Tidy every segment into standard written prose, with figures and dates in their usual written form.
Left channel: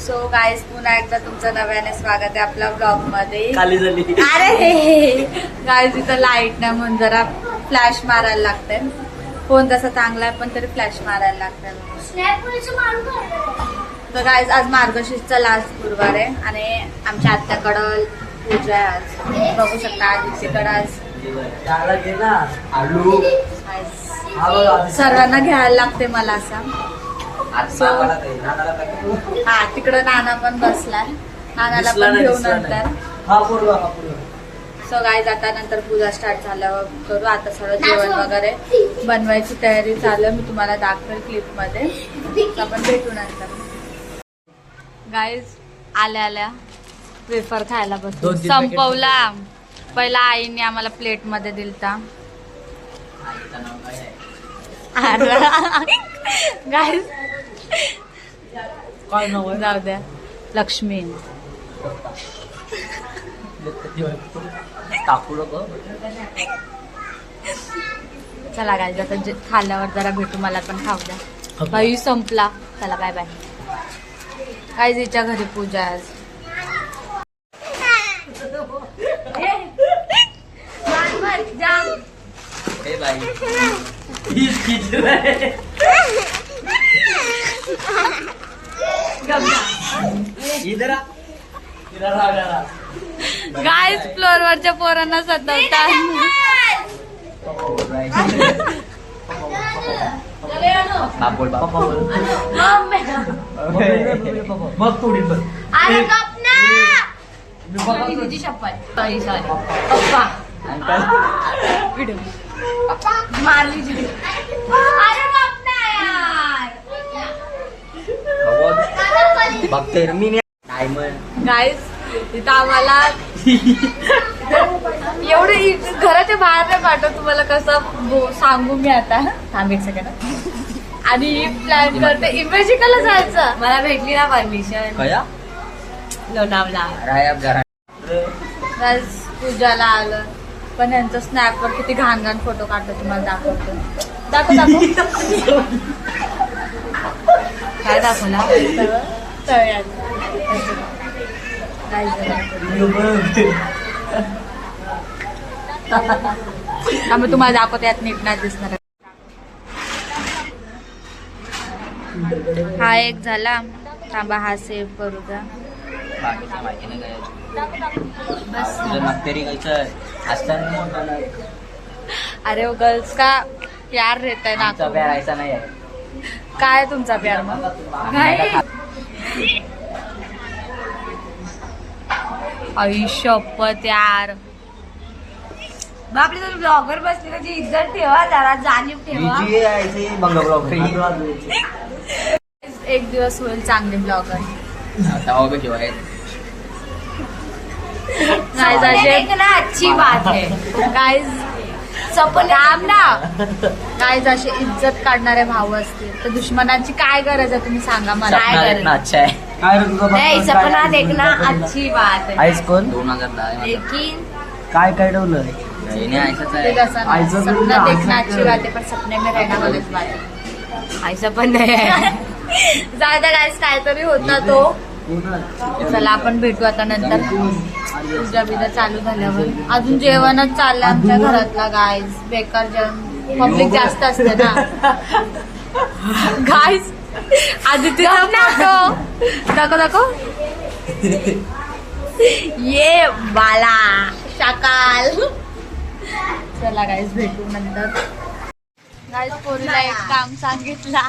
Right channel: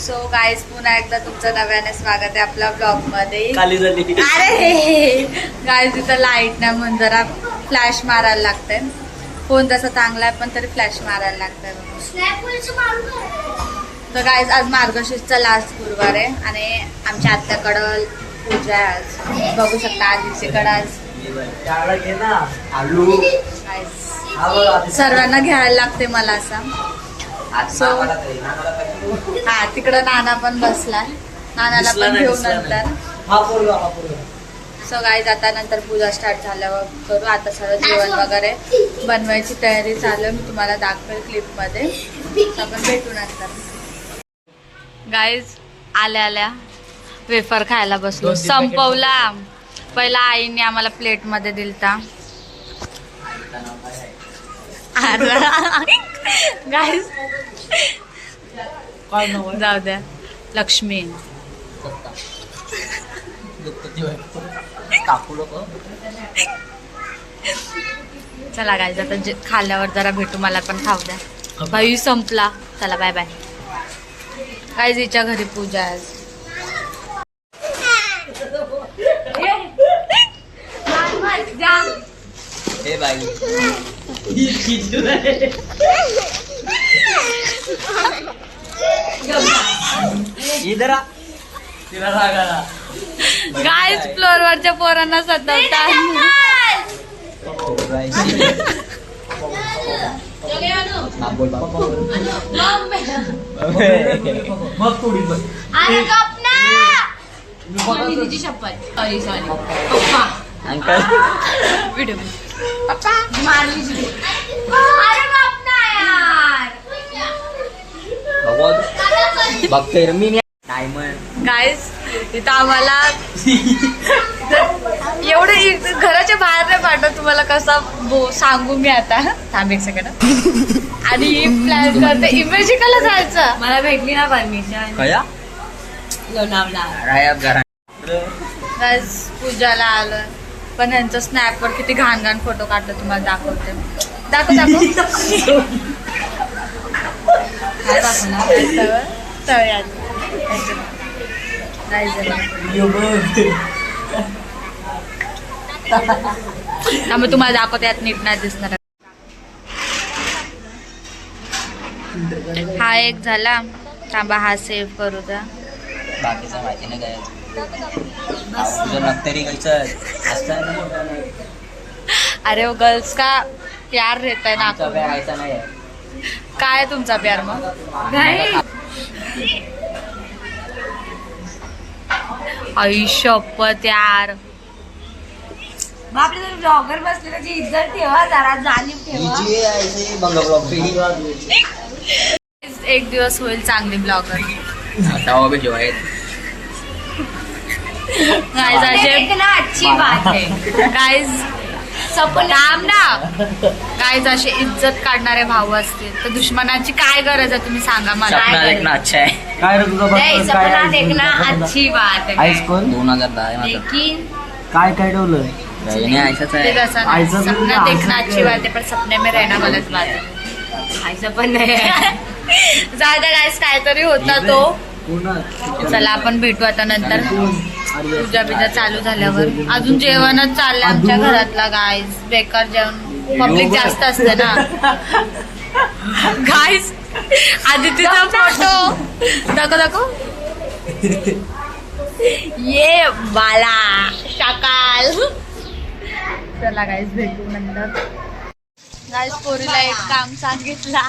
So guys पुन्हा एकदा तुमचं नव्याने स्वागत आहे आपल्या ब्लॉग मध्ये. अरे गाईज इथं लाईट नाही म्हणून जरा फ्लॅश मारायला लागतंय. फोन तसा चांगला आहे पण तरी फ्लॅश मारायला लागतंय. तर गाईज आज मार्गशीर्षचा लास्ट गुरुवार आहे आणि आमच्या आत्याकडं पूजा आहे आज. बघू शकता आजीकडं आज सर्वांना घ्यायला लागते मला असा. सो हा तिकडं नाना पण बसलाय, नानाला पण घेऊन नंतर. सो गाईज आता नंतर पूजा स्टार्ट झाल्यावर करू. आता सगळं जेवण वगैरे बनवायची तयारी चालू आहे, मी तुम्हाला दाखवेल क्लिप मध्ये. आपण भेटू नंतर. गाईज आल्या आल्या वेफर खायला बसलो, संपवला. पहिला आईने आम्हाला प्लेट मध्ये दिलता. गाईज जाऊ द्या. लक्ष्मी चला गाईज आता खाल्ल्यावर जरा भेटू. मला पण खाऊ द्या. भाई संपला. चला बाय बाय. गाईज हिच्या घरी पूजा आहे आज. गाईज फ्लोअरवरच्या पोरांना सतवतात. व्हिडिओ गाईज इथं आम्हाला एवढं घराच्या बाहेर नाही पाठवत. तुम्हाला कसं सांगू मी आता. थांब एक सेकंड. आणि प्लॅन करते इमेजिकला जायचं. मला भेटली ना परमिशन लोणावळा. गाईज पूजाला आलं पण यांचं स्नॅपवर किती घाण घाण फोटो काढतो. तुम्हाला दाखवते. दाखव काय दाखवणार तळ्यात. त्यामुळे तुम्हाला दाखवते यात नीट नाही दिसणार. हा एक झाला. थांबा हा सेव्ह करू द्या. अरे वो गर्ल्स का प्यार रहता है ना. काय तुमचा प्यार मग. आई शपथ यार. आपले ब्लॉगर बसले त्याची इज्जत ठेवा जरा. जाणीव ठेवा. एक दिवस होईल चांगली ब्लॉगर. गाइस अच्छी बात है. गाइस काम ना. गाइस असे इज्जत काढणारे भाऊ असतील तर दुश्मनाची काय गरज आहे तुम्ही सांगा मला. सपना देखना अच्छा है. सपना देखना अच्छी बात है. आईस कोण 2010 लेकिन काय ठेवलं ते तसं नाही. सपना देखना अच्छी बात है पण सपने में रहना गलत बात है. ऐसा पण नाही. जायदा गाईस काहीतरी होता तो. चला आपण भेटू आता नंतर. पूजा बिजा चालू झाल्यावर. अजून जेवणच चाललंय आमच्या घरातला. गाईज बेकार जेवण. पब्लिक जास्त असते ना. गाईज आदितीचा फोटो दाखव. ये बाला शकाल. चला गाईज भेटू नंतर. गाईज पोरीला एक काम सांगितला.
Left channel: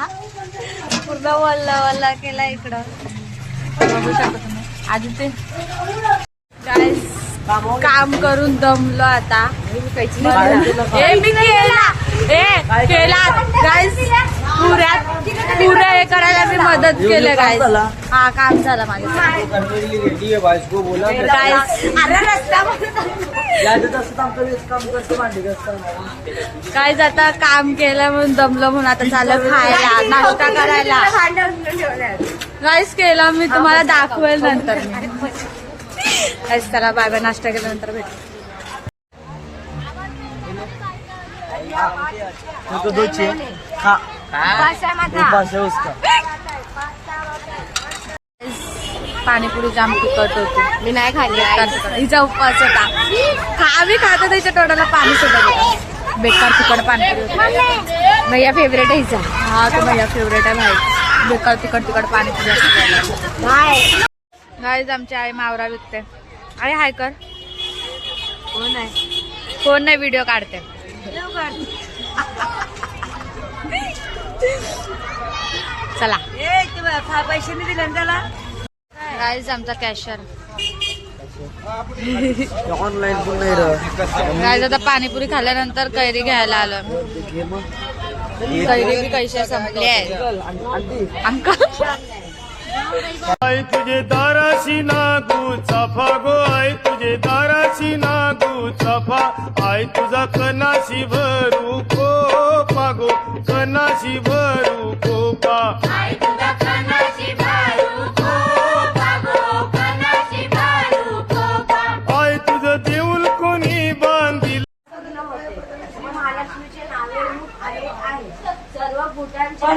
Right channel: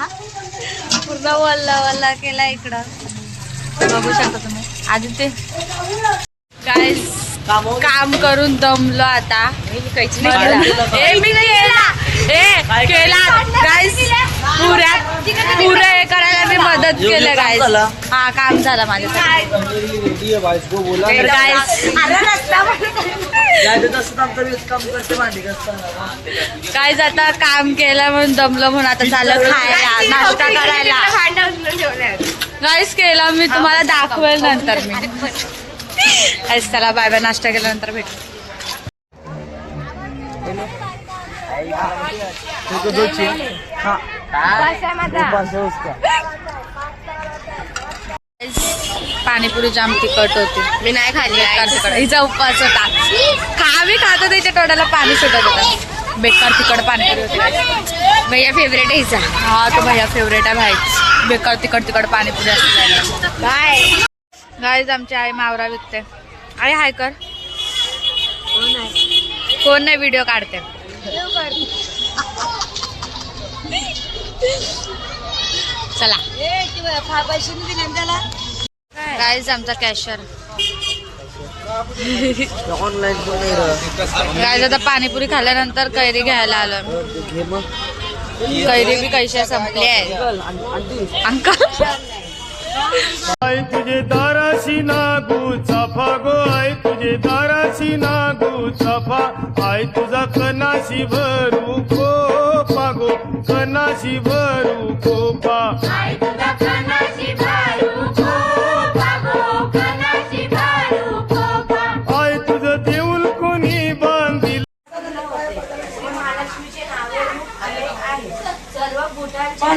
पूर्ण वल्ला केला इकडं. बघू शकता तुम्ही. आदिती गाईज काम करून दमलो आता. मी केला गाईज. पुऱ्या हे करायला मी मदत केलं गाईज. हा काम झालं माझ्यासाठी. गाईज आता काम केलं म्हणून दमलो म्हणून आता चाललं खायला नाश्ता करायला. गाईज केला मी तुम्हाला दाखवेल नंतर. मी गाईज चला बाय बाय. नाश्ता केल्यानंतर भेटू. पाणीपुरी जाम तिखट होती. मी नाही खाल्ली. बेकार तिखट. हिचा उपवास होता. खावी खात त्याच्या तोंडाला पाणी सुटत होतं. बेकार तिखट पाणीपुरी होती. भैया फेवरेट आहे हिचा. हा तो भैया फेवरेट आहे भाईच. बेकार तिखट पाणीपुरी असते. बाय गाईज आमची आई मावरा विकते. आई हाय कर. कोण नाही व्हिडिओ काढते. चला पैसे नाही दिले त्याला. गाईज आमचा कॅशर. गाईज आता पाणीपुरी खाल्ल्यानंतर कैरी घ्यायला आलो. कैरी बी कैसे संपले आहे अंकल. आई तुझे दाराशी नागू चाफा गो आई तुझे दाराशी नागू चाफा आई तुझा कनाशी भरू कोपा गो कनाशी भरू कोपा आई तुझा कनाशी भरू कोपा गो कनाशी भरू कोपा आई तुझं देऊळ कोणी बांधिल. महालक्ष्मीचे नावे आले आहे. सर्व भूतांच्या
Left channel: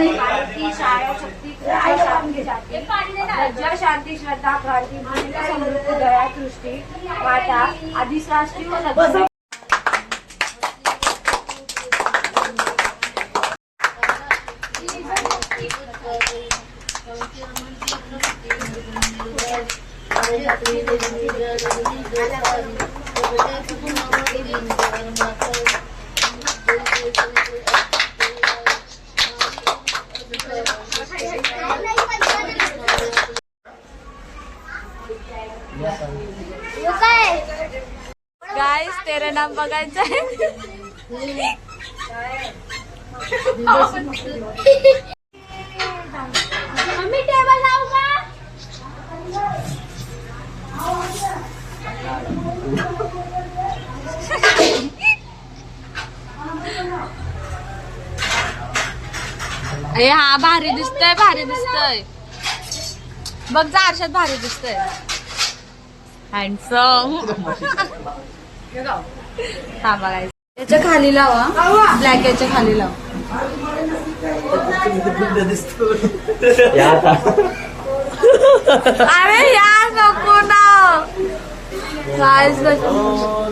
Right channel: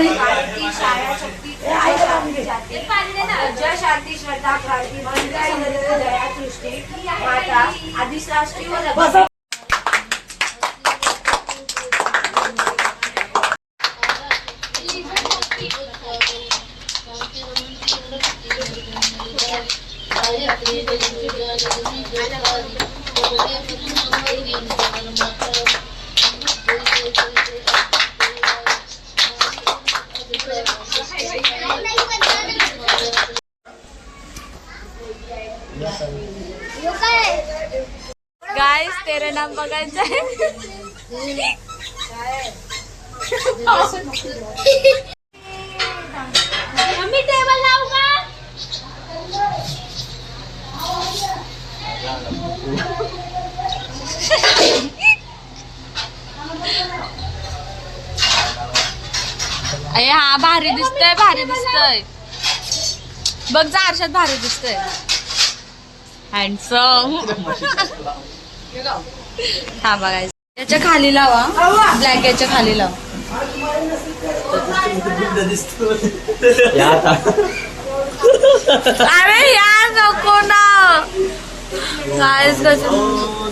शाळा शक्ती शांती जाती लज्जा शांती श्रद्धा क्रांती भक्ती समृद्धी दया सृष्टी माता आदिशास्त्री व लक्ष्मी. गाइस तेरे नाम बघायचं आहे. मम्मी टेबल लावू का. अरे हा भारी दिसतंय बघ जा आरशात भारी दिसतंय. हँडसम. हा बघायचं. याच्या खाली लावा ब्लॅक याच्या खाली लावा. अरे यार नको ना. गाइस कसं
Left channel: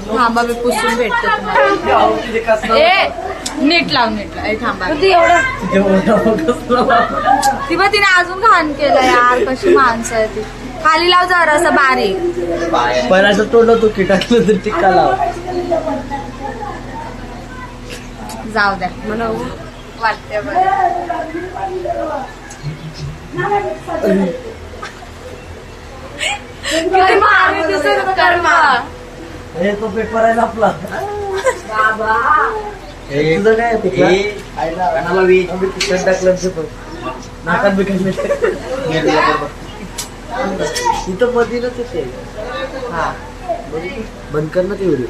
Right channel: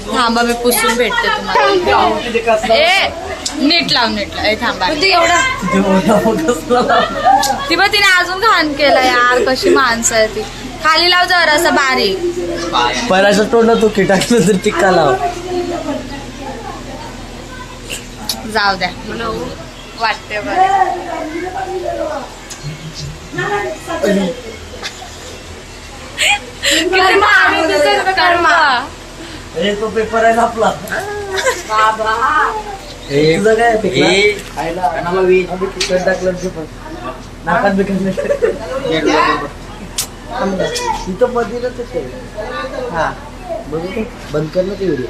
थांबा मी पुसून भेटते तुम्हाला. ए नीट लाव ए थांबा. ती बघ तिने अजून घाण केलं यार. कशी माणसं आहे ती. खाली लाव जरा असं बारीक. पण असं तोडलं तो किटाकलं तर टिक्का लाव. जाऊ द्या वाटते बरं. किती भारी दिसेल कर्मा. अरे तो पेपर आहे ना आपला. तुझं काय तिकट टाकलं पेपर नाकात बिकट तिथं मधीनच ते. हा बंद कर ना ते व्हिडिओ.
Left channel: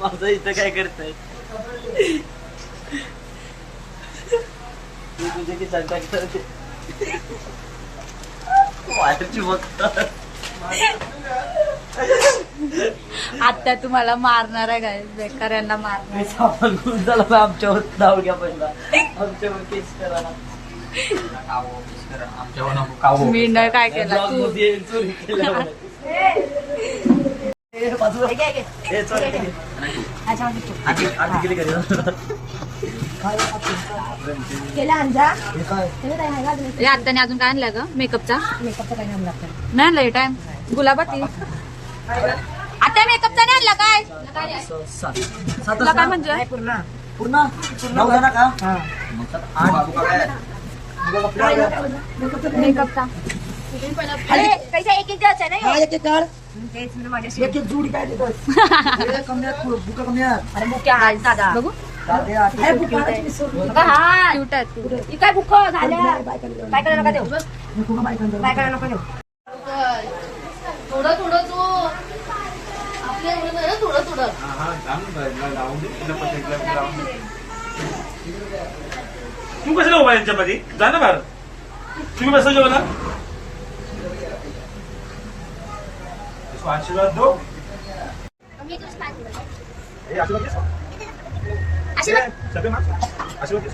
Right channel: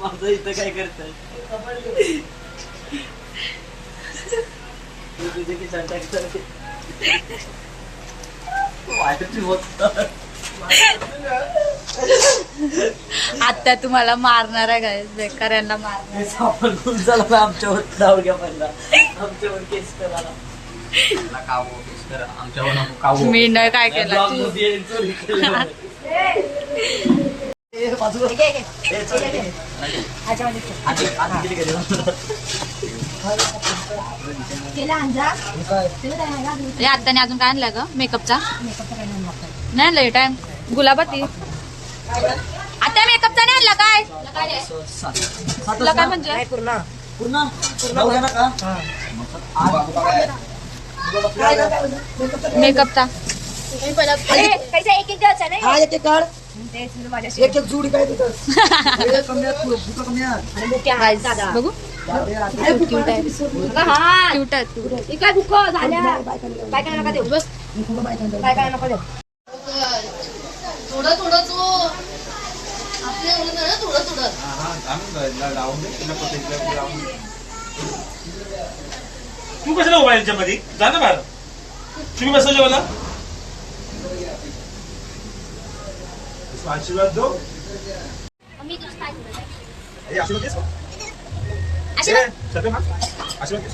माझं इथं काय करताय तुझे की चंटा वाटची बघतात. आता तुम्हाला मारणार आहे गाईस. बेकार यांना मारणार. सामान खूप झाला ना आमच्यावर नाव घ्या पहिला. आमच्यावर केस करा. मी न काय केलं आत्याने अजून काय आणलं ग. मेकअपचा नाही लय टाइम. गुलाबाती आता मेकअपचा नाही आणला काय. तुला काय म्हणजे पूर्ण का मेकअपचा कैसा एक द्यायचा नाही. हा एक काढ. एक जोडी काय देतो. बघू क्यूट आहे. काय भूक झाल्या. बायकाला नका देऊ. बायकाला नका देऊ. थोडं तो आपल्या एवढं नाही ना. थोडं तू कशाला उभा यांच्यामध्ये जा ना बाहेर. तुम्ही बसा जेवायला. आशीर्वाद दो. आशीर्वाद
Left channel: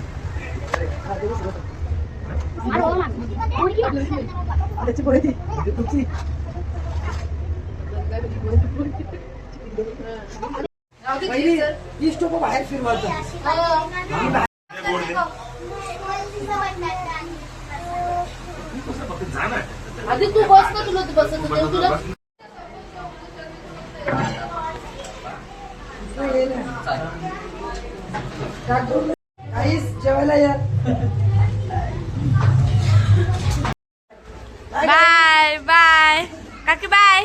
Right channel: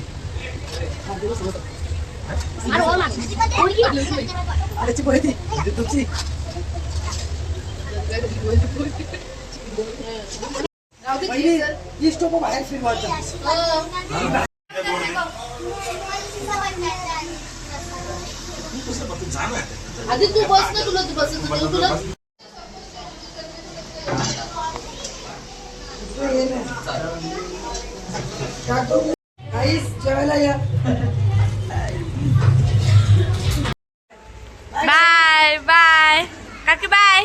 बाहेर फिरवायचं. आधी तू बस ना, तुला बसत तुला जेवायला या. बाय बाय काकी बाय.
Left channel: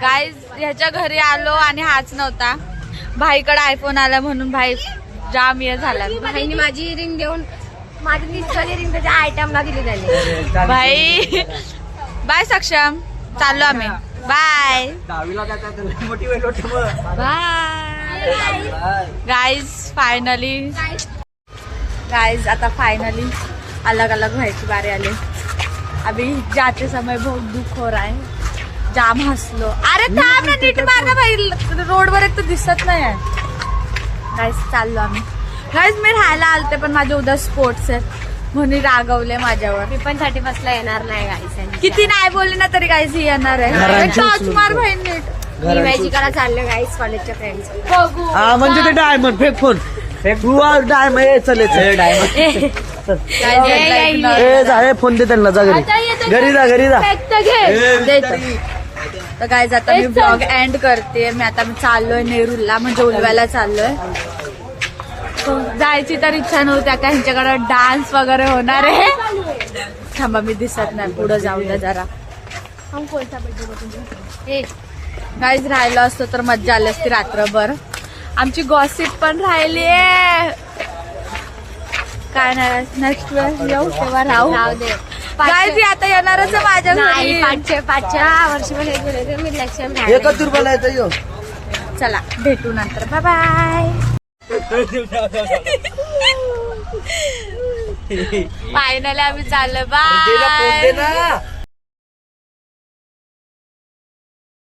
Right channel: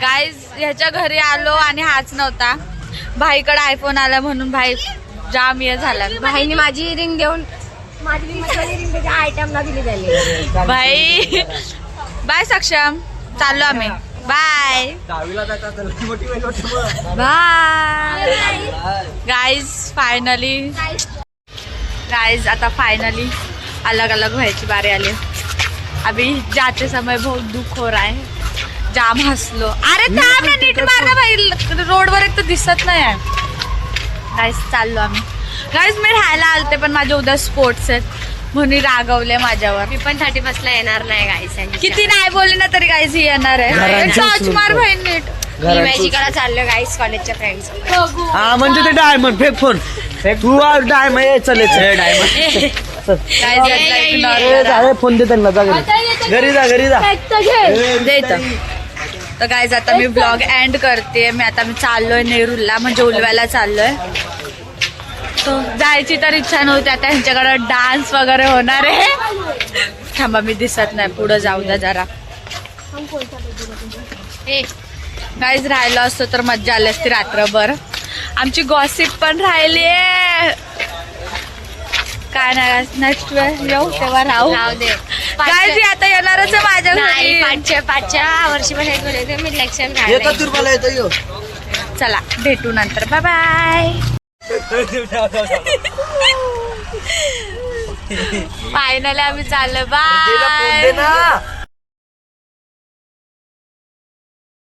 गाईज ह्याच्या घरी आलो आणि हाच नव्हता. भाईकडे आयफोन आला म्हणून भाई जाम हे झाला. भाईने माझी रिंग देऊन माझी रिंग त्याच्या आयटमला दिली त्यांनी. भाई बाय सक्षम, चाललो आम्ही. बाय गावीला जातात मोठी वेळ बाय गाइज. आता फाइनली अलग अलग व्हायची बारी आली. अभी जाते समय बहुत दुख हो रहा है. जाम हसलो. अरे थांब ना, नीट मार ना भाई, रोडवर एक तर दिसत नाही आहे. गाईज चाललो आम्ही. गाईज मी राहायला आलते पण माझे उद्या स्पोर्ट्स आहेत म्हणून रागवले माझ्यावर. मी पण 31 ला येणार नाही गाईस. किती नाही बोलले ना तरी गाईज ही येणार आहे. टॉच मार भाई नीट. मी मॅजिकला चाललो गाईस कॉलेजच्या फ्रेंड्स. हा म्हणजे ते डायमंड फेक फोन तू डायमंड चले गाईज फोन दे त्यांना. जा घरी जा. तर गाईज आता मी ब्लॉग एंड करते. मी चाललोय नेरूरला, म्हणजे उलव्याला चाललोय. तो जायची तर इच्छा नव्हती. आता ह्यांच्याकडे डान्स वगैरे होणार आहे. थांबा मी दिसत नाही, पुढे जाऊ द्या जरा. गाईज राहिलो असतो तर मज्जा आली असती रात्रभर. आमची गॉसिप पण राहिली आहे. काय नाही, नेक्स्ट वेळ येऊ तेव्हा राहू. गाईज आता येणारच आहे माझ्या घरी. पाचच्या वर्षी पण हेच बोलायचं मी इलेक्शन. चला भेटू नंतर. Bye bye. फायनली आम्ही चाललो. बाय.